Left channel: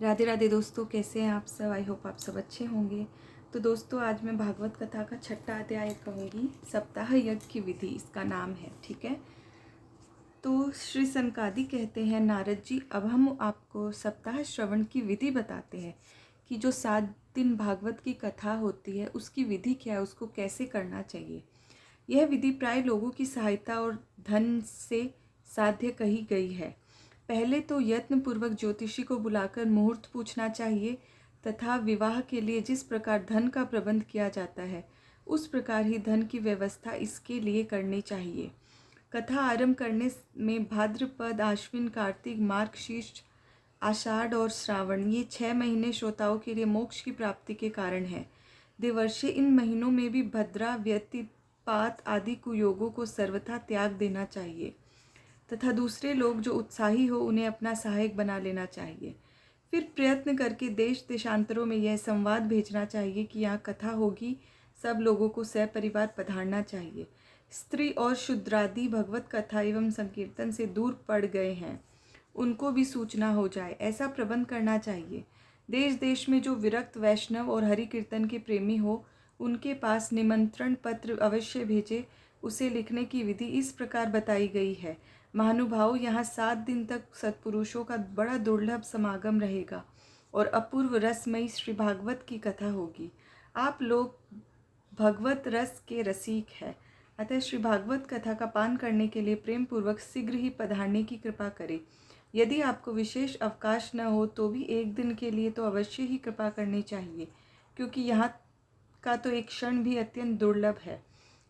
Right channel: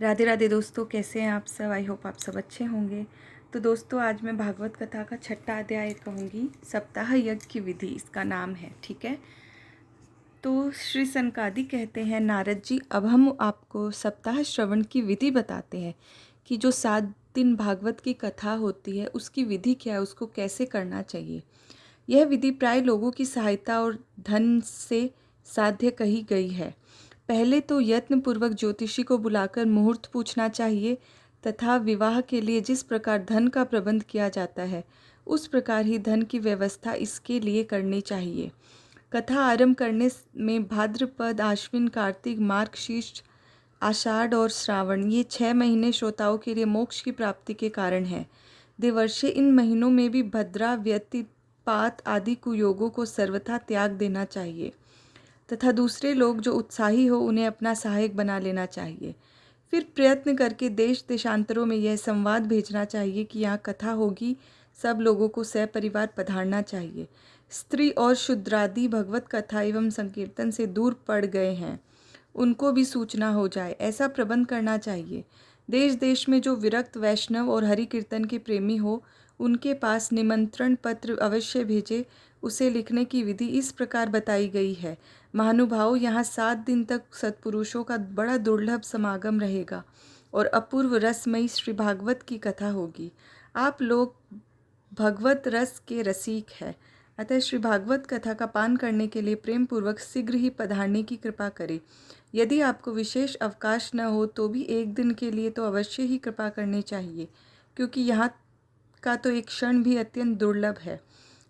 राधे राधे दोस्तों, कैसे हैं आप सब। आई होप आप सब अच्छे होंगे। तो दोस्तों, आज मैं भागवत कथा का 6वां अध्याय कहूँगी। सप्ताह यज्ञ की विधि इसका नाम है। ठीक है। तो श्री सनकादि कहते हैं, नारद जी, अब हम आपको सप्ताह श्रवण की विधि बताते हैं कि जो 7 दिन भागवत की कथा होती है उसकी विधि क्या है, उसको कैसे करना चाहिए। यह विधि प्राय लोगों की सहायता और धन से साध्य कही गई है। पहले तो यत्नपूर्वक ज्योतिषी को बुलाकर मुहूर्त पूछना चाहिए तथा विवाह के लिए जिस प्रकार धन का प्रबंध किया जाता है उस प्रकार ही धन की व्यवस्था इसके लिए करनी चाहिए। कथा आरंभ करने में भाद्रपद, आश्विन, कार्तिक, मार्गशीर्ष, आषाढ़ और श्रावण, ये 6 महीने श्रोताओं के लिए मोक्ष की प्राप्ति के कारण हैं। देवर्षि इन महीनों में भी भद्रा, व्यतिपात आदि कुयोगों को सर्वथा त्याग देना चाहिए तथा दूसरे लोग जो उत्साही हो उन्हें अपना सहायक बना लेना चाहिए। फिर प्रयत्न करके देश देशांतरों में यह संवाद भेजना चाहिए कि यहाँ कथा होगी, सब लोगों को सपरिवार पधारना चाहिए। स्त्री और शूद्रादि भगवत कथा एवं संकीर्तन से दूर पड़ गए हैं, उनको भी सूचना हो जाए, ऐसा प्रबंध करना चाहिए। देश देश में जो विरक्त वैष्णव और हरि कीर्तन के प्रेमी हो उनके पास निमंत्रण पत्र अवश्य भेजे। उसे लिखने की विधि इस प्रकार बताई गई है। महानुभाव, यहाँ 7 दिन तक सत्पुरुषों का बड़ा दुर्लभ समागम रहेगा और अपूर्व रसमयी श्री भागवत की कथा होगी। आप लोग भगवत रस के रसिक हैं, अतः श्री भागवत कथा का पान करने के लिए प्रेम पूर्वक शीघ्र ही पधारने की कृपा करें। यदि आपको विशेष अवकाश न हो तो भी 1 दिन के लिए तो अवश्य ही कृपा करनी चाहिए, क्योंकि यहाँ का तो एक क्षण भी अत्यंत दुर्लभ है।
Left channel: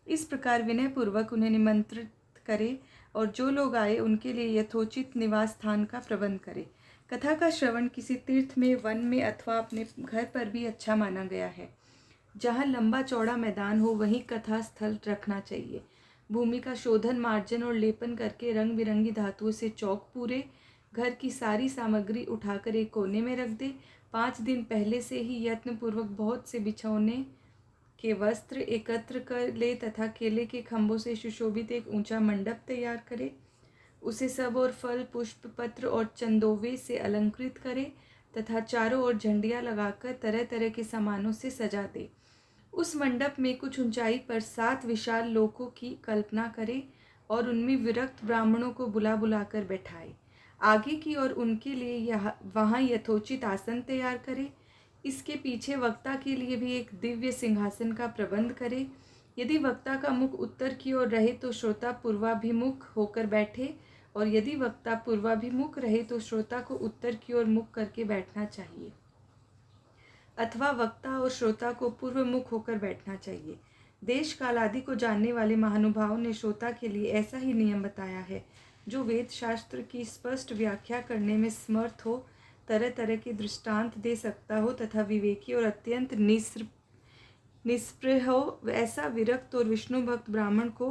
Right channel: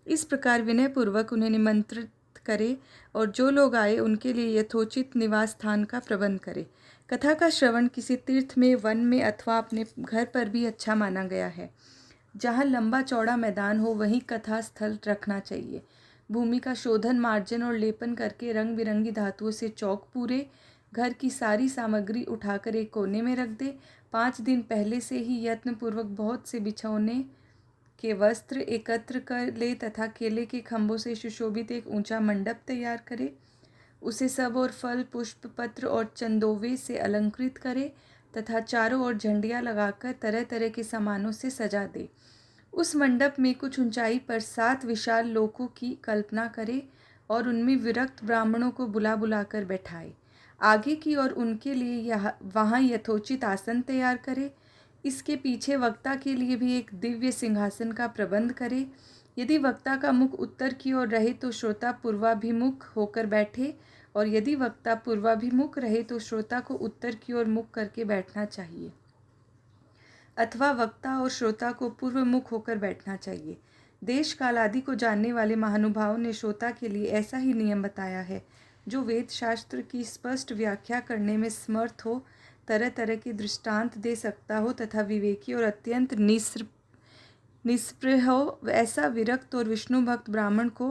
इस प्रकार विनय पूर्वक उन्हें निमंत्रित करे और जो लोग आए उनके लिए यथोचित निवास स्थान का प्रबंध करे। कथा का श्रवण किसी तीर्थ में, वन में अथवा अपने घर पर भी अच्छा माना गया है। जहाँ लंबा चौड़ा मैदान हो वहीं कथा स्थल रखना चाहिए। भूमि का शोधन, मार्जन और लेपन करके रंग बिरंगी धातुओं से चौक पूरे। घर की सारी सामग्री उठाकर एक कोने में रख दे। 5 दिन पहले से ही यत्नपूर्वक बहुत से बिछौने के वस्त्र एकत्र कर ले तथा केले के खंभों से सुशोभित एक ऊंचा मंडप तैयार करे। उसे सब और फल, पुष्प, पत्र और चंदोवे से अलंकृत करे तथा चारों ओर झंडियाँ लगाकर तरह तरह के सामानों से सजा दे। उस मंडप में कुछ ऊंचाई पर 7 विशाल लोकों की कल्पना करे और उनमें विरक्त ब्राह्मणों को बुला बुलाकर बैठाए। आगे की ओर उनके लिए वहाँ यथोचित आसन तैयार करे। इसके पीछे वक्ता के लिए भी एक दिव्य सिंहासन का प्रबंध करे। यदि वक्ता का मुख उत्तर की ओर रहे तो श्रोता पूर्वाभिमुख होकर बैठे, और यदि वक्ता पूर्वाभिमुख रहे तो श्रोता को उत्तर की ओर मुख करके बैठना चाहिए, अथवा वक्ता और श्रोता को पूर्व मुख होकर बैठना चाहिए। देश काल आदि को जानने वाले महानुभावों ने श्रोता के लिए ऐसा ही नियम बताया है, जो वेद शास्त्र की स्पष्ट व्याख्या करने में समर्थ हो, तरह तरह के दृष्टांत दे सकता हो तथा विवेकी और अत्यंत निष्प्रिय हो। ऐसा विरक्त और विष्णु भक्त ब्राह्मण को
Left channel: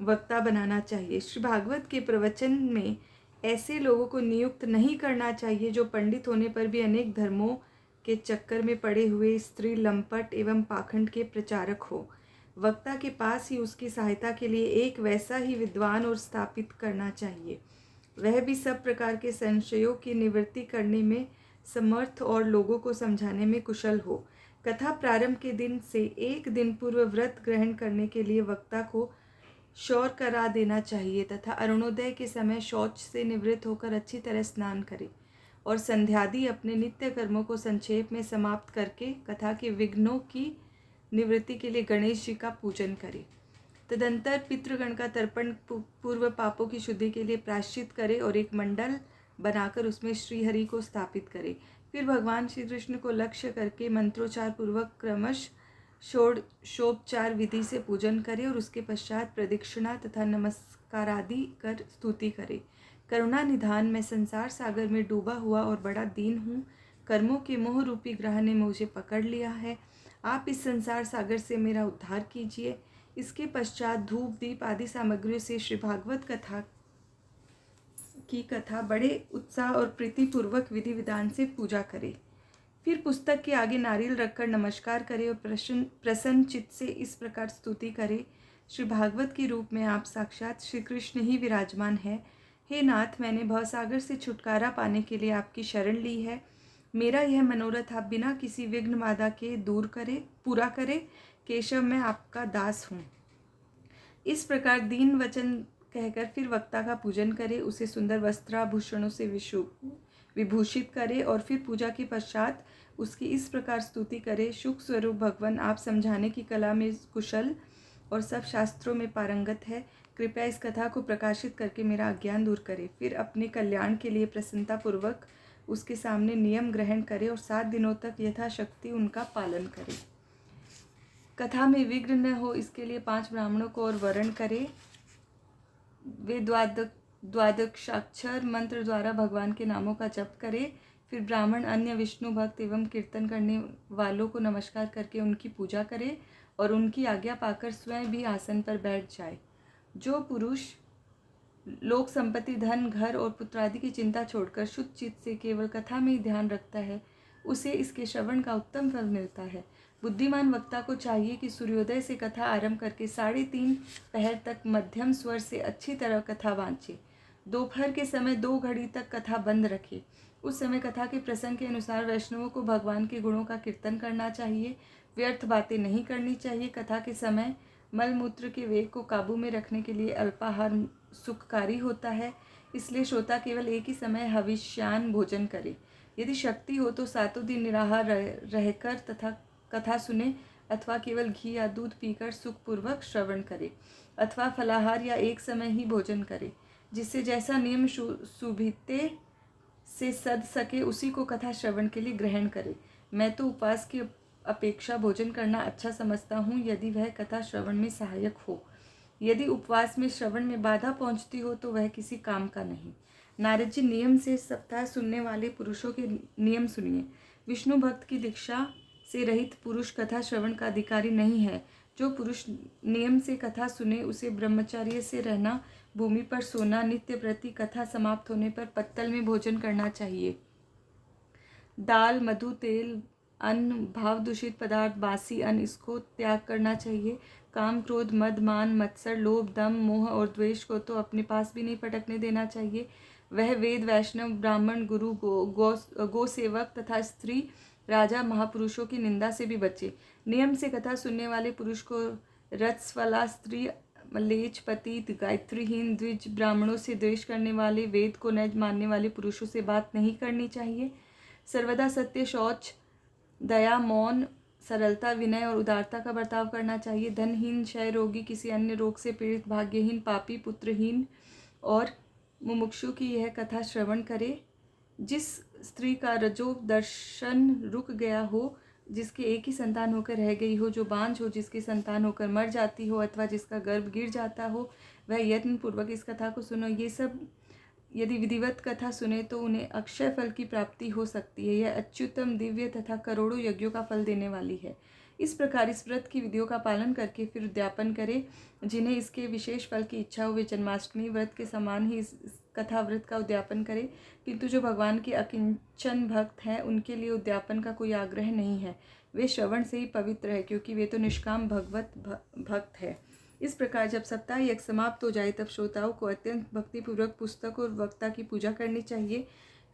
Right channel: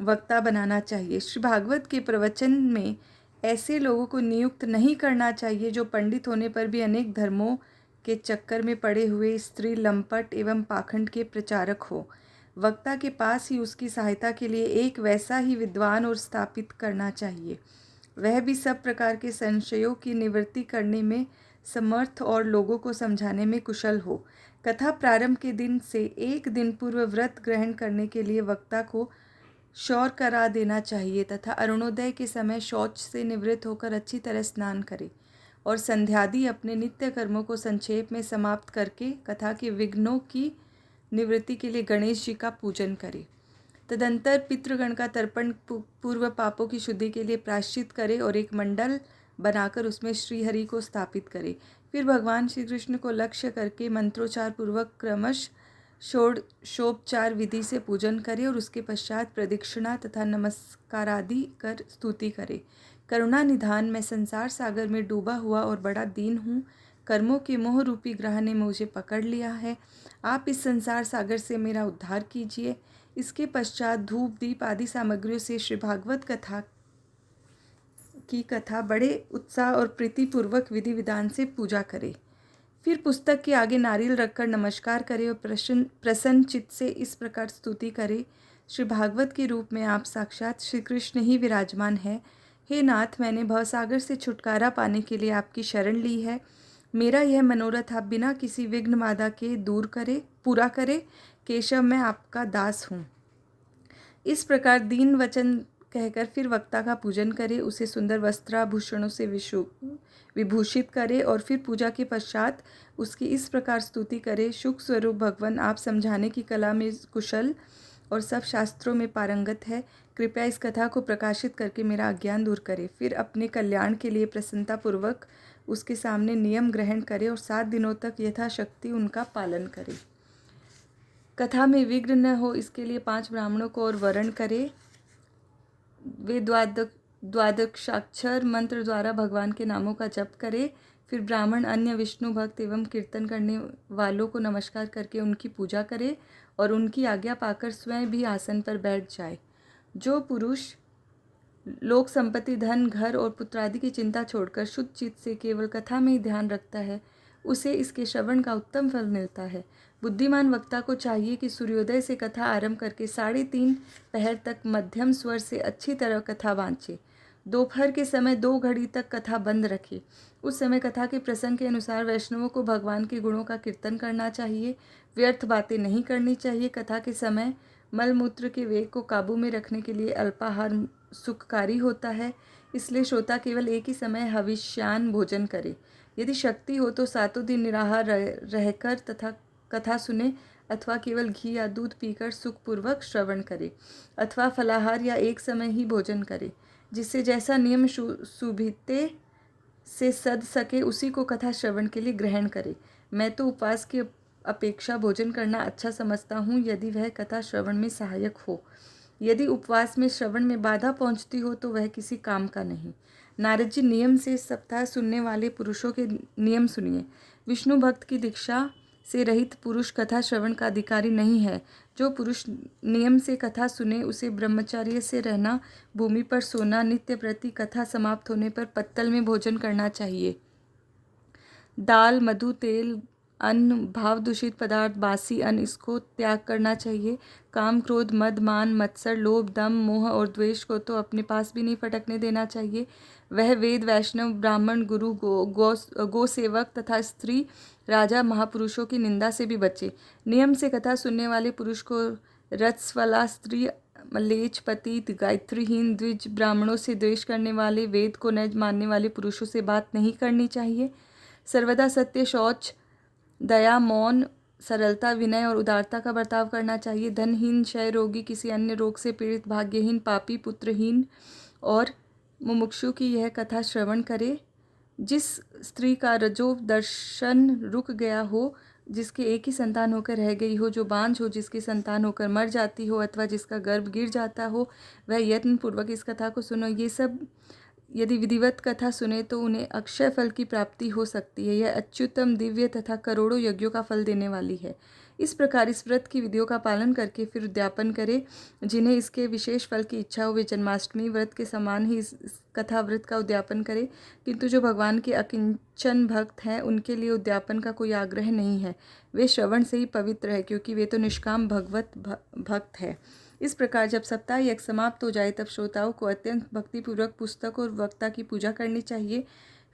वक्ता बनाना चाहिए। श्री भागवत के प्रवचन में ऐसे लोगों को नियुक्त नहीं करना चाहिए जो पंडित होने पर भी अनेक धर्मों के चक्कर में पड़े हुए स्त्री लंपट एवं पाखंड के प्रचारक हो। वक्ता के पास ही उसकी सहायता के लिए एक वैसा ही विद्वान और स्थापित करना चाहिए, वह भी सब प्रकार के संशयों की निवृत्ति करने में समर्थ और लोगों को समझाने में कुशल हो। कथा प्रारंभ के दिन से 1 दिन पूर्व व्रत ग्रहण करने के लिए वक्ता को शौर करा देना चाहिए तथा अरुणोदय के समय शौच से निवृत्त होकर अच्छी तरह स्नान करे और संध्यादि अपने नित्य कर्मों को संक्षेप में समाप्त करके कथा के विघ्नों की निवृत्ति के लिए गणेश जी का पूजन करे। तदंतर पितृगण का तर्पण, पूर्व पापों की शुद्धि के लिए प्रायश्चित करे और एक मंडल बनाकर उसमें श्रीहरि को स्थापित करे। फिर भगवान श्री कृष्ण को लक्ष्य करके मंत्रोच्चार पूर्वक क्रमश षोडशोपचार विधि से पूजन करे और उसके पश्चात प्रदक्षिणा तथा नमस्कारादि कर स्तुति करे। करुणा निधान, मैं संसार सागर में डूबा हुआ और बड़ा दीन हूँ। कर्मों के मोह रूपी ग्रह ने मुझे पकड़ लिया है। आप इस संसार सागर से मेरा उद्धार कीजिए। इसके पश्चात धूप, दीप आदि सामग्रियों से श्री भागवत कथा बड़े उत्साह और प्रीतिपूर्वक विधि विधान से पूजा करे। फिर पुस्तक के आगे नारियल रखकर नमस्कार करे और प्रसन्न चित्त से इस प्रकार स्तुति करे, श्री भागवत के रूप में आप साक्षात श्री कृष्ण ही विराजमान है। हे नाथ, मैंने भवसागर से छुटकारा पाने के लिए आपकी शरण ली है। मेरा यह मनोरथ आप बिना किसी विघ्न बाधा के पूरा करे। केशव मैं आपका दास हूँ। इस प्रकार दीन वचन कहकर फिर वक्ता का पूजन करे, उसे सुंदर वस्त्राभूषणों से विभूषित करे और फिर पूजा के पश्चात उसकी इस प्रकार स्तुति करे। सुख स्वरूप भगवान, आप समझाने की कला में कुशल और सब शास्त्रों में पारंगत है। कृपया इस कथा को प्रकाशित करके मेरा अज्ञान दूर करे। फिर अपने कल्याण के लिए प्रसन्नतापूर्वक उसके सामने नियम ग्रहण करे और 7 दिनों तक यथाशक्ति उनका पालन करे। कथा में विघ्न न हो इसके लिए 5 ब्राह्मणों को और वर्ण करे। वे द्वादशाक्षर मंत्र द्वारा भगवान के नामों का जप करे। फिर ब्राह्मण अन्य विष्णु भक्त एवं कीर्तन करने वालों को नमस्कार करके उनकी पूजा करे और उनकी आज्ञा पाकर स्वयं भी आसन पर बैठ जाए। जो पुरुष लोक संपत्ति, धन, घर और पुत्रादि की चिंता छोड़कर शुद्ध चित्त से केवल कथा में ही ध्यान रखता है, उसे इसके श्रवण का उत्तम फल मिलता है। बुद्धिमान वक्ता को चाहिए कि सूर्योदय से कथा आरंभ करके 3:30 पहर तक मध्यम स्वर से अच्छी तरह कथा वांचे। दोपहर के समय 2 घड़ी तक कथा बंद रखे। उस समय कथा के प्रसंग के अनुसार वैष्णवों को भगवान के गुणों का कीर्तन करना चाहिए। व्यर्थ बातें नहीं करनी चाहिए। कथा के समय मलमूत्र के वेग को काबू में रखने के लिए अल्पाहार सुखकारी होता है, इसलिए श्रोता केवल एक ही समय हविष्यान भोजन करे। यदि शक्ति हो तो 7 दिन निराहार रहकर तथा कथा सुने अथवा केवल घी या दूध पीकर सुखपूर्वक श्रवण करे, अथवा फलाहार या एक समय ही भोजन करे। जिससे जैसा नियम सुभिते से सद सके उसी को कथा श्रवण के लिए ग्रहण करे। मैं तो उपवास की अपेक्षा भोजन करना अच्छा समझता हूँ, यदि वह कथा श्रवण में सहायक हो। यदि उपवास में श्रवण में बाधा पहुँचती हो तो वह किसी काम का नहीं। नारद जी, नियम से सप्ताह सुनने वाले पुरुषों के नियम सुनिए। विष्णु भक्त की दीक्षा से रहित पुरुष कथा श्रवण का अधिकारी नहीं है। जो पुरुष नियम से कथा सुने उसे ब्रह्मचर्य से रहना, भूमि पर सोना, नित्य प्रति कथा समाप्त होने पर पत्तल में भोजन करना चाहिए। दाल, मधु, तेल, अन्न, भाव दूषित पदार्थ, बासी अन्न, इसको त्याग करना चाहिए। काम, क्रोध, मद, मान, मत्सर, लोभ, दम, मोह और द्वेष को तो अपने पास भी नहीं फटकने देना चाहिए। वह वेद, वैष्णव, ब्राह्मण, गुरु, गो सेवक तथा स्त्री, राजा, महापुरुषों की निंदा से भी बचे। नियम से कथा सुनने वाले पुरुष को रत्स्वला स्त्री, मलेच्छ, पतित, गायत्रीहीन, द्विज, ब्राह्मणों से द्वेष करने वाले, वेद को न मानने वाले पुरुषों से बात नहीं करनी चाहिए। सर्वदा सत्य, शौच, दया, मौन, सरलता, विनय और उदारता का बर्ताव करना चाहिए। धनहीन, क्षय रोगी, किसी अन्य रोग से पीड़ित, भाग्यहीन, पापी, पुत्रहीन और मुमुक्षु की यह कथा श्रवण करे। जिस स्त्री का रजो दर्शन रुक गया हो, जिसके एक ही संतान होकर रह गई हो, जो बांझ हो, जिसकी संतान होकर मर जाती हो अथवा जिसका गर्भ गिर जाता हो, वह यत्न पूर्वक इस कथा को सुनो। ये सब यदि विधिवत कथा सुने तो उन्हें अक्षय फल की प्राप्ति हो सकती है। यह अच्युतम, दिव्य तथा करोड़ों यज्ञों का फल देने वाली है। इस प्रकार इस व्रत की विधियों का पालन करके फिर उद्यापन करें। जिन्हें इसके विशेष फल की इच्छा हो वे जन्माष्टमी व्रत के समान ही इस कथा व्रत का उद्यापन करें। किंतु जो भगवान के अकिंचन भक्त हैं उनके लिए उद्यापन का कोई आग्रह नहीं है। वे श्रवण से ही पवित्र है, क्योंकि वे तो निष्काम भगवत भक्त है। इस प्रकार जब सप्ताह यज्ञ समाप्त हो जाए तब श्रोताओं को अत्यंत भक्तिपूर्वक पुस्तक और वक्ता की पूजा करनी चाहिए।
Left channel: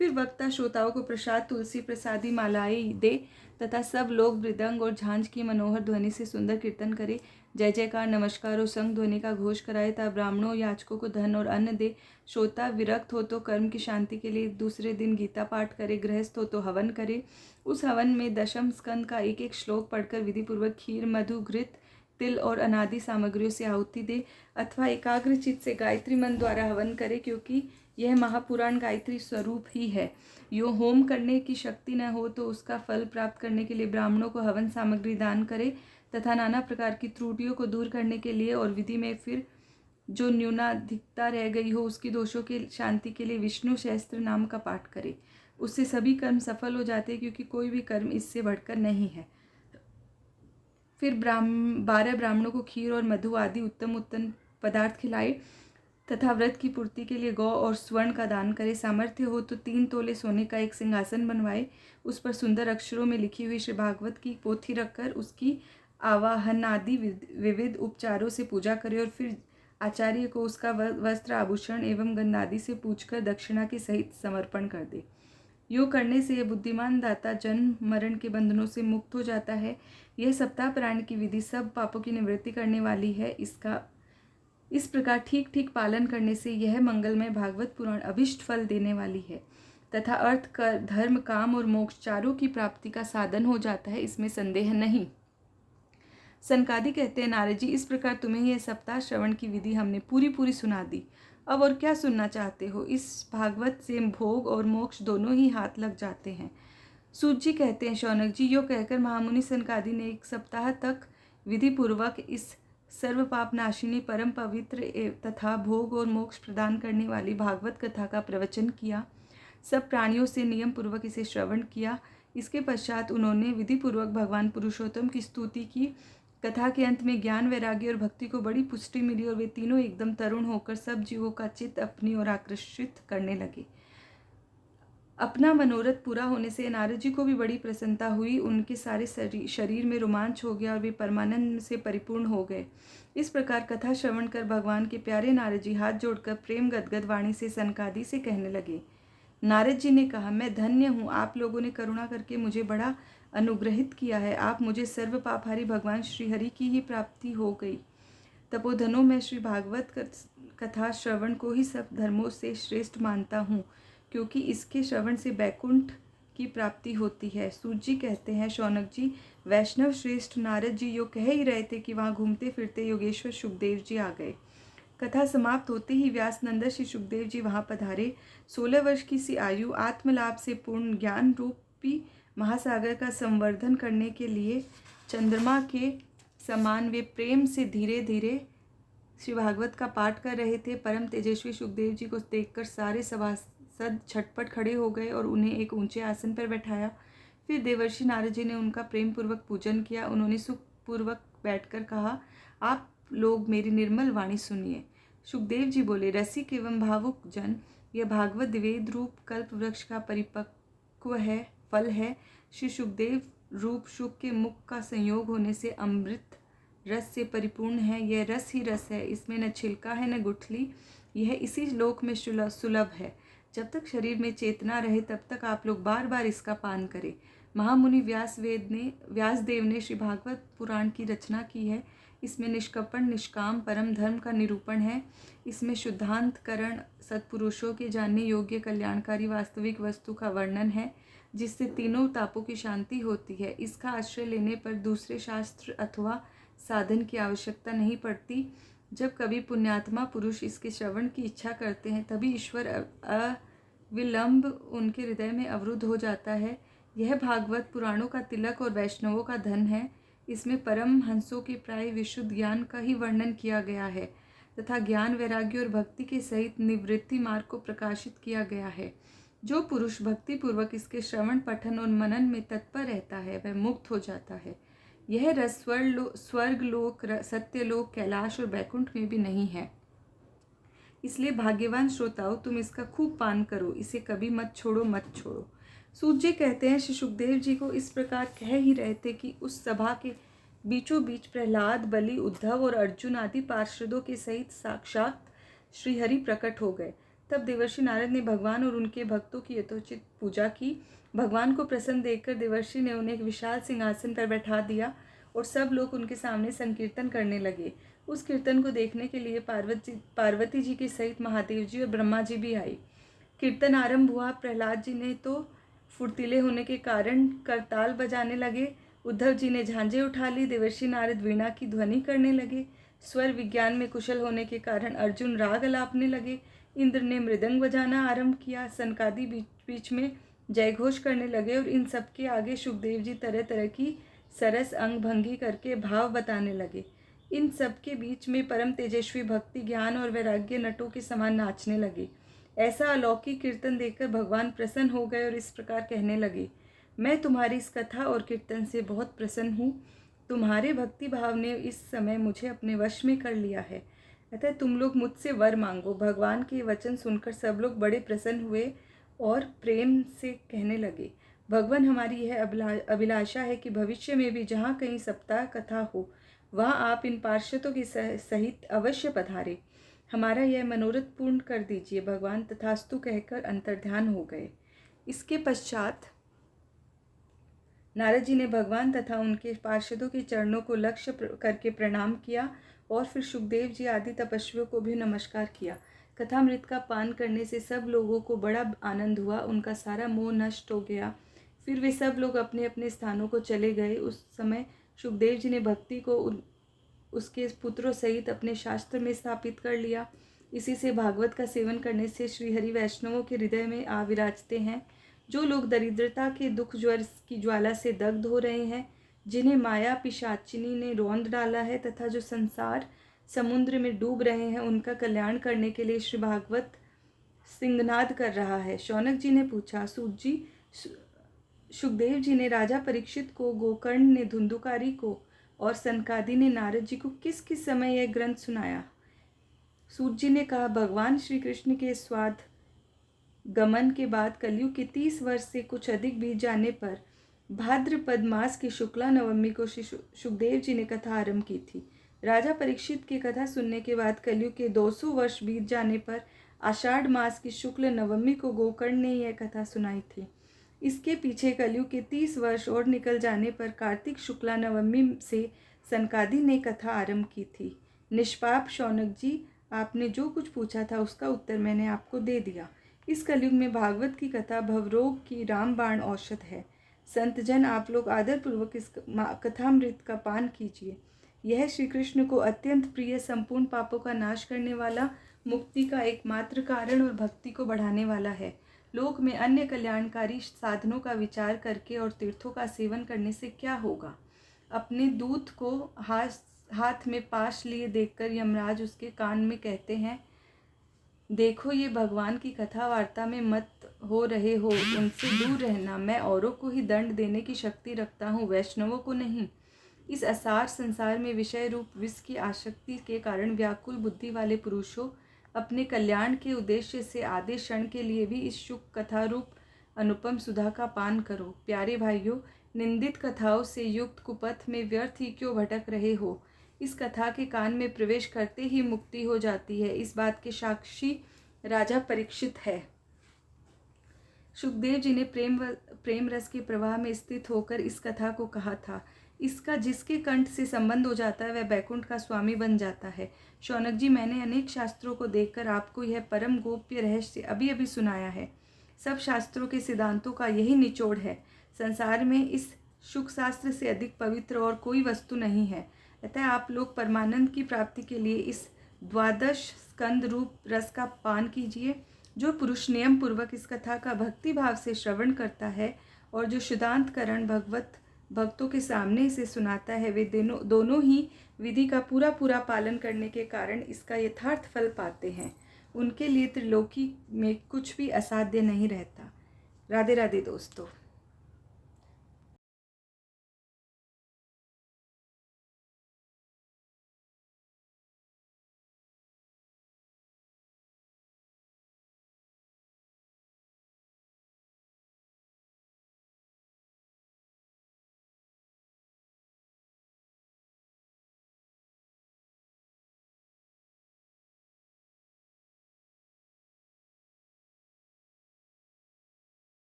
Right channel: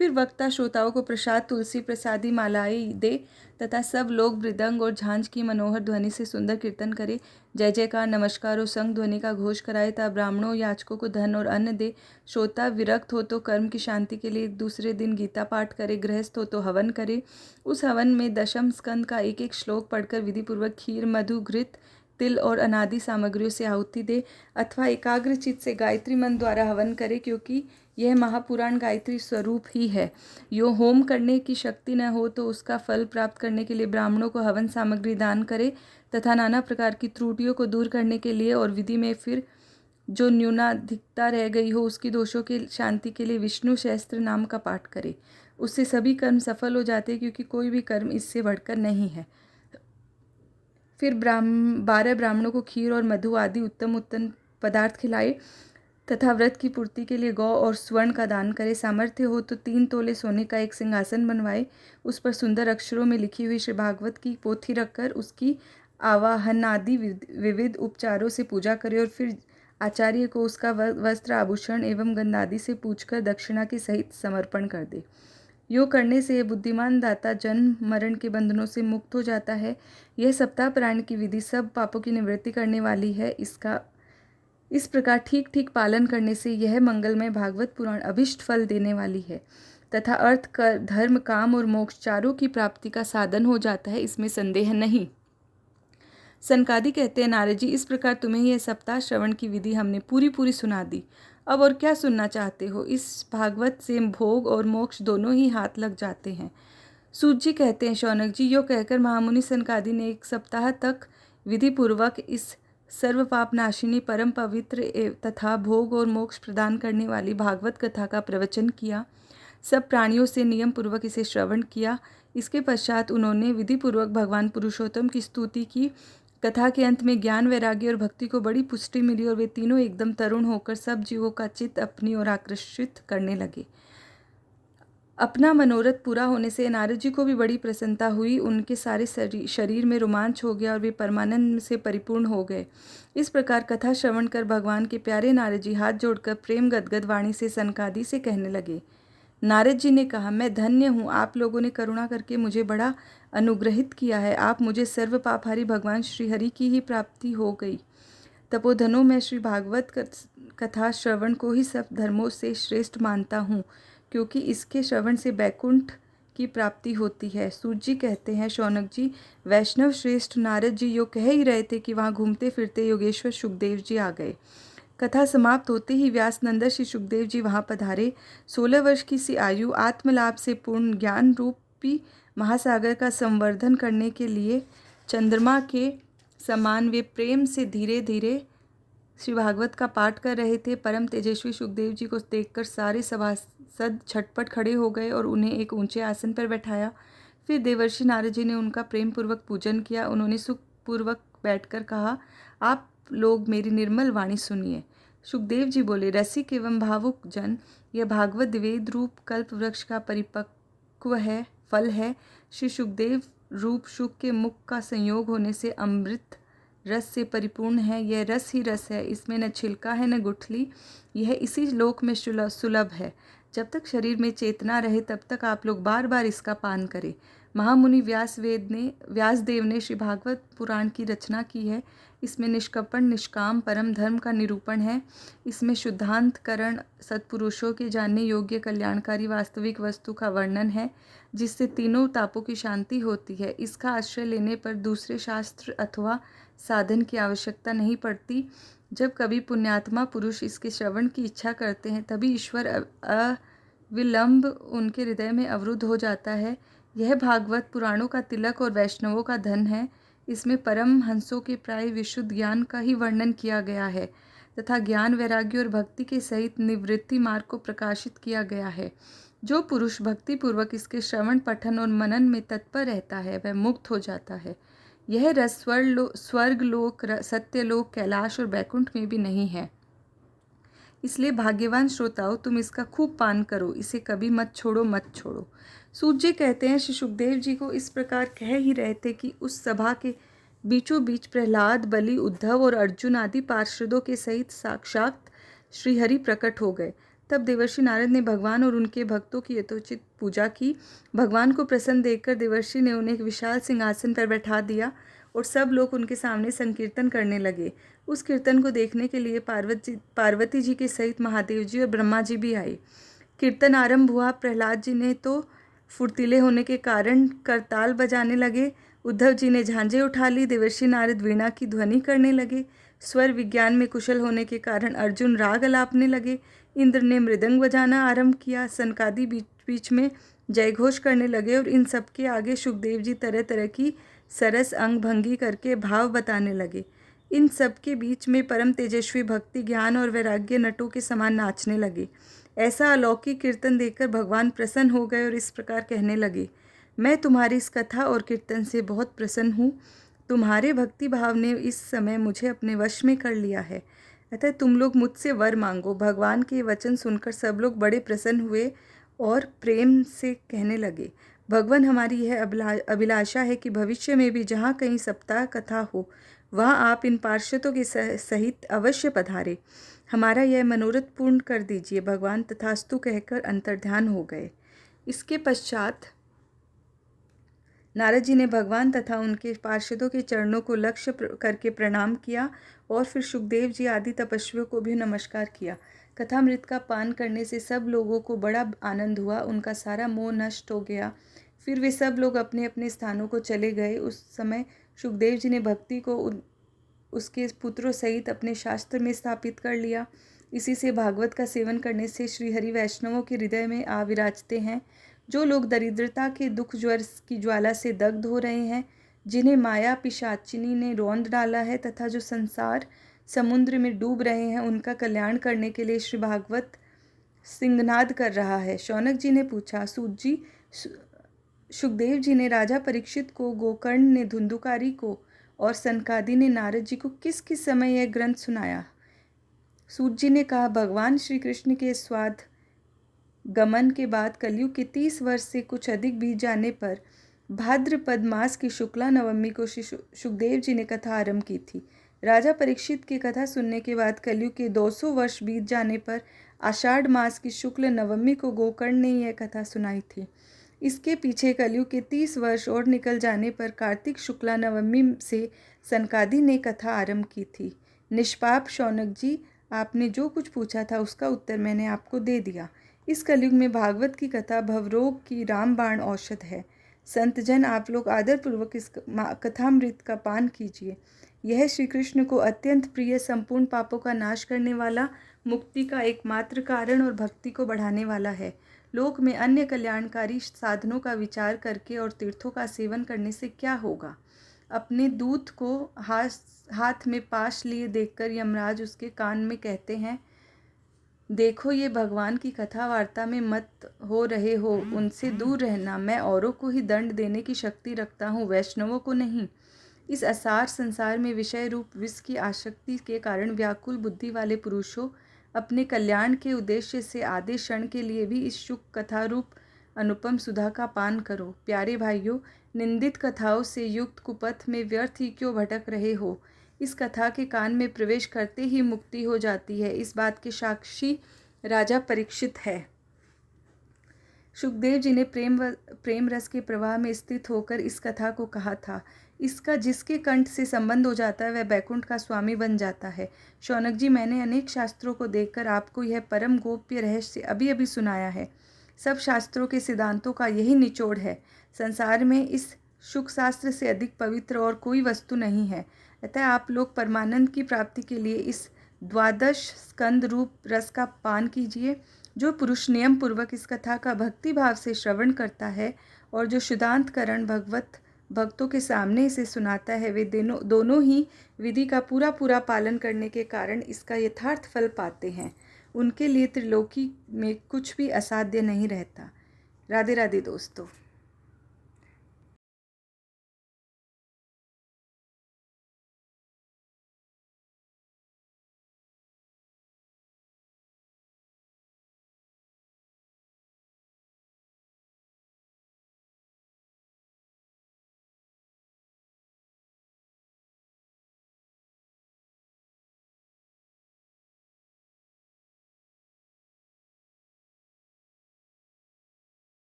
फिर वक्ता श्रोताओं को प्रसाद, तुलसी प्रसादी मालाएं दे तथा सब लोग मृदंग और झांझ की मनोहर ध्वनि से सुंदर कीर्तन करे, जय जयकार, नमस्कार और संग ध्वनि का घोष कराए तथा ब्राह्मणों याचकों को धन और अन्न दे। श्रोता विरक्त हो तो कर्म की शांति के लिए दूसरे दिन गीता पाठ करे, गृहस्थ हो तो हवन करे। उस हवन में दशम स्कंद का एक एक श्लोक पढ़कर विधिपूर्वक खीर, मधु, घृत, तिल और अनादि सामग्रियों से आहुति दे अथवा एकाग्र चित्त से गायत्री मंत्र द्वारा हवन करे, क्योंकि यह महापुराण गायत्री स्वरूप ही है। यो होम करने की शक्ति न हो तो उसका फल प्राप्त करने के लिए ब्राह्मणों को हवन सामग्री दान करे तथा नाना प्रकार की त्रुटियों को दूर करने के लिए और विधि में फिर जो न्यूनाधिकता रह गई हो उसकी दोषों की शांति के लिए विष्णु सहस्त्र नाम का पाठ करे। उससे सभी कर्म सफल हो जाते, क्योंकि कोई भी कर्म इससे बढ़कर नहीं है। फिर 12 ब्राह्मणों को खीर और मधु आदि उत्तम उत्तम पदार्थ खिलाए तथा व्रत की पूर्ति के लिए गौ और स्वर्ण का दान करे। सामर्थ्य हो तो 3 तोले सोने का एक सिंहासन बनवाए, उस पर सुंदर अक्षरों में लिखी हुई श्री भागवत की पोथी रखकर उसकी आवाहन आदि विविध उपचारों से पूजा करे और फिर आचार्य को उसका वस्त्र, आभूषण एवं गंधादि से पूछकर दक्षिणा के सहित समर्पण कर दे। योग करने से बुद्धिमान दाता जन्म मरण के बंधनों से मुक्त हो जाता है। यह सप्ताह पारायण की विधि सब पापों की निवृत्ति करने वाली है। इसका इस प्रकार ठीक ठीक पालन करने से यह मंगलमय भागवत पुराण अभिष्ट फल देने वाली है तथा अर्थ, धर्म, काम और मोक्ष चारों की प्राप्ति का साधन हो जाता है, इसमें संदेह नहीं। सनकादि कहते हैं, नारद जी, इस प्रकार तुम्हें यह सप्ताह श्रवण की विधि हमने पूरी सुना दी। अब और क्या सुनना चाहते हो? इस भागवत से भोग और मोक्ष दोनों ही हाथ लग जाते हैं। सूत जी कहते हैं, शौनक जी, यो कहकर महामुनि सनकादि ने 1 सप्ताह तक विधि पूर्वक इस सर्व पाप नाशिनी परम पवित्र तथा भोग और मोक्ष प्रदान करने वाली भागवत कथा का प्रवचन किया। सब प्राणियों से नियम पूर्वक इसे श्रवण किया। इसके पश्चात उन्होंने विधि पूर्वक भगवान पुरुषोत्तम की स्तुति की। कथा के अंत में ज्ञान, वैराग्य और भक्ति को बड़ी पुष्टि मिली और वे तीनों एकदम तरुण होकर सब जीवों का चित्त अपनी ओर आकर्षित करने लगे। अपना मनोरथ पूरा होने से नारद जी को भी बड़ी प्रसन्नता हुई। उनके सारे शरीर में रोमांच हो गया और वे परमानंद से परिपूर्ण हो गए। इस प्रकार कथा श्रवण कर भगवान के प्यारे नारद जी हाथ जोड़कर प्रेम गदगद वाणी से सनकादि से कहने लगे। नारद जी ने कहा, मैं धन्य हूँ, आप लोगों ने करुणा करके मुझे बड़ा अनुग्रहित किया है। आप मुझे सर्व पापहारी भगवान श्रीहरि की ही प्राप्ति हो गई। तपोधनों में श्री भागवत कथा श्रवण को ही सब धर्मों से श्रेष्ठ मानता हूँ, क्योंकि इसके श्रवण से बैकुंठ की प्राप्ति होती है। सूत जी कहते हैं, शौनक जी, वैष्णव श्रेष्ठ नारद जी यो कह ही रहे थे कि वहाँ घूमते फिरते योगेश्वर सुखदेव जी आ गए। कथा समाप्त होते ही व्यास नंदन श्री सुखदेव जी वहाँ पधारे। 16 वर्ष की सी आयु आत्मलाभ से पूर्ण ज्ञान रूपी महासागर का संवर्धन करने के लिए चंद्रमा के समान वे प्रेम से धीरे धीरे श्री भागवत का पाठ कर रहे थे। परम तेजस्वी सुखदेव जी को देखकर सारे सभासद झटपट खड़े हो गए और उन्हें एक ऊंचे आसन पर बैठाया। फिर देवर्षि नारद जी ने उनका प्रेम पूर्वक पूजन किया। उन्होंने सुखपूर्वक बैठकर कहा, आप लोग मेरी निर्मल वाणी सुनिए। सुखदेव जी बोले, रसिक एवं भावुक जन, यह भागवत वेद रूप कल्प वृक्ष का परिपक्व है फल है। श्री सुखदेव रूप सुख के मुख का संयोग होने से अमृत रस से परिपूर्ण है। यह रस ही रस है, इसमें न छिलका है न गुठली। यह इसी लोक में सुलभ है। जब तक शरीर में चेतना रहे तब तक आप लोग बार बार इसका पान करें। महामुनि व्यासदेव ने श्री भागवत पुराण की रचना की है। इसमें निष्कपट निष्काम परम धर्म का निरूपण है। इसमें शुद्धांतकरण, सत्पुरुषों के जानने योग्य कल्याणकारी वास्तविक वस्तु का वर्णन है, जिससे तीनों तापों की शांति होती है। इसका आश्रय लेने पर दूसरे शास्त्र अथवा साधन की आवश्यकता नहीं पड़ती। जब कभी पुण्यात्मा पुरुष इसके श्रवण की इच्छा करते हैं, तभी ईश्वर अविलंब उनके हृदय में अवरुद्ध हो जाता है। यह भागवत पुराणों का तिलक और वैष्णवों का धन है। इसमें परम हंसों के प्राय विशुद्ध ज्ञान का ही वर्णन किया गया है तथा ज्ञान, वैराग्य और भक्ति के सहित निवृत्ति मार्ग को प्रकाशित किया गया है। जो पुरुष भक्ति पूर्वक इसके श्रवण, पठन और मनन में तत्पर रहता है, वह मुक्त हो जाता है। यह रस स्वर्ग लोक, सत्यलोक, कैलाश और बैकुंठ में भी नहीं है। इसलिए भाग्यवान श्रोताओं, तुम इसका खूब पान करो, इसे कभी मत छोड़ो। सूत जी कहते हैं, श्री सुखदेव जी को इस प्रकार कह ही रहे थे कि उस सभा के बीचों बीच प्रहलाद, बलि, उद्धव और अर्जुन आदि पार्षदों के सहित साक्षात श्रीहरि प्रकट हो गए। तब देवर्षि नारद ने भगवान और उनके भक्तों की यथोचित पूजा की। भगवान को प्रसन्न देखकर देवर्षि ने उन्हें एक विशाल सिंहासन पर बैठा दिया और सब लोग उनके सामने संकीर्तन करने लगे। उस कीर्तन को देखने के लिए पार्वती जी के सहित महादेव जी और ब्रह्मा जी भी आए। कीर्तन आरंभ हुआ। प्रहलाद जी ने तो फुर्तीले होने के कारण करताल बजाने लगे। उद्धव जी ने झांझे उठा ली। देवर्षि नारद वीणा की ध्वनि करने लगे। स्वर विज्ञान में कुशल होने के कारण अर्जुन राग अलापने लगे। इंद्र ने मृदंग बजाना आरंभ किया। सनकादि बीच में जयघोष करने लगे और इन सबके आगे सुखदेव जी तरह तरह की सरस अंग भंगी करके भाव बताने लगे। इन सब के बीच में परम तेजस्वी भक्ति, ज्ञान और वैराग्य नटों के समान नाचने लगे। ऐसा अलौकिक कीर्तन देखकर भगवान प्रसन्न हो गए और इस प्रकार कहने लगे, मैं तुम्हारी इस कथा और कीर्तन से बहुत प्रसन्न हूँ। तुम्हारे भक्ति भाव ने इस समय मुझे अपने वश में कर लिया है, अतः तुम लोग मुझसे वर मांगो। भगवान के वचन सुनकर सब लोग बड़े प्रसन्न हुए और प्रेम से कहने लगे, भगवान, हमारी यह अभिलाषा है कि भविष्य में भी जहाँ कहीं सप्ताह कथा हो, वहाँ आप इन पार्षदों के सहित अवश्य पधारे। हमारा यह मनोरथ पूर्ण कर दीजिए। भगवान तथास्तु कहकर अंतर्ध्यान हो गए। इसके पश्चात नारद जी ने भगवान तथा उनके पार्षदों के चरणों को लक्ष्य करके प्रणाम किया और फिर सुखदेव जी आदि तपस्वियों को भी नमस्कार किया। कथामृत का पान करने से सब लोगों को बड़ा आनंद हुआ, उनका सारा मोह नष्ट हो गया। फिर वे सब लोग अपने अपने स्थानों को चले गए। उस समय सुखदेव जी ने भक्ति को उसके पुत्रों सहित अपने शास्त्र में स्थापित कर लिया। इसी से भागवत का सेवन करने से श्रीहरि वैष्णवों के हृदय में आ विराजते हैं। जो लोग दरिद्रता के दुख ज्वर की ज्वाला से दग्ध हो रहे हैं, जिन्हें माया पिशाचिनी ने रौंद डाला है तथा जो संसार समुद्र में डूब रहे हैं, उनका कल्याण करने के लिए श्री भागवत सिंहनाद कर रहा है। शौनक जी ने पूछा, सूत जी, सुखदेव जी ने राजा परीक्षित को, गोकर्ण ने धुंधुकारी को और सनकादि ने नारद जी को किस किस समय यह ग्रंथ सुनाया? सूत जी ने कहा, भगवान श्री कृष्ण के स्वाद गमन के बाद कलयुग के 30 वर्ष से कुछ अधिक बीत जाने पर भाद्रपद मास की शुक्ला नवमी को सुखदेव जी ने कथा आरंभ की थी। राजा परीक्षित की कथा सुनने के बाद कलयुग के 200 वर्ष बीत जाने पर आषाढ़ मास की शुक्ल नवमी को गोकर्ण ने यह कथा सुनाई थी। इसके पीछे कलयुग के 30 वर्ष और निकल जाने पर कार्तिक शुक्ला नवमी से सनकादि ने कथा आरंभ की थी। निष्पाप शौनक जी, आपने जो कुछ पूछा था उसका उत्तर मैंने आपको दे दिया। इस कलयुग में भागवत की कथा भवरोग की रामबाण औषध है। संतजन, आप लोग आदरपूर्वक इस कथामृत का पान कीजिए। यह श्री कृष्ण को अत्यंत प्रिय, संपूर्ण पापों का नाश करने वाला, मुक्ति का एकमात्र कारण और भक्ति को बढ़ाने वाला है। लोक में अन्य कल्याणकारी साधनों का विचार करके और तीर्थों का सेवन करने से क्या होगा? अपने दूत को हाथ में पाश लिए देखकर यमराज उसके कान में कहते हैं, देखो, ये भगवान की कथा वार्ता में मत हो रहे हो, उनसे दूर रहना। मैं औरों को ही दंड देने की शक्ति रखता हूँ, वैष्णवों को नहीं। इस असार संसार में विषय रूप विष की आसक्ति के कारण व्याकुल बुद्धि वाले पुरुषों, अपने कल्याण के उद्देश्य से आधे क्षण के लिए भी इस शुक कथा रूप अनुपम सुधा का पान करो। प्यारे भाइयों, निंदित कथाओं से युक्त कुपथ में व्यर्थ ही क्यों भटक रहे हो? इस कथा के कान में प्रवेश करते ही मुक्ति हो जाती है। इस बात के साक्षी राजा परीक्षित है। सुखदेव जी ने प्रेम रस के प्रवाह में स्थित होकर इस कथा को कहा था। इसका जिसके कंठ से संबंध हो जाता है वह बैकुंठ का स्वामी बन जाता है। शौनक जी, मैंने अनेक शास्त्रों को देखकर आपको यह परम गोप्य रहस्य अभी अभी सुनाया है। सब शास्त्रों के सिद्धांतों का यही निचोड़ है। संसार में इस शुक शास्त्र से अधिक पवित्र और कोई वस्तु नहीं है। अतः आप लोग परमानंद की प्राप्ति के लिए इस द्वादश स्कंद रूप रस का पान कीजिए। जो पुरुष नियम पूर्वक इस कथा का भक्ति भाव से श्रवण करता है और जो शुद्धांतकरण भक्तों के सामने इसे सुनाता है, वे दोनों ही विधि का पूरा पालन करने के कारण इसका यथार्थ फल पाते हैं। उनके लिए त्रिलोकी में कुछ भी असाध्य नहीं रहता। राधे राधे दोस्तों।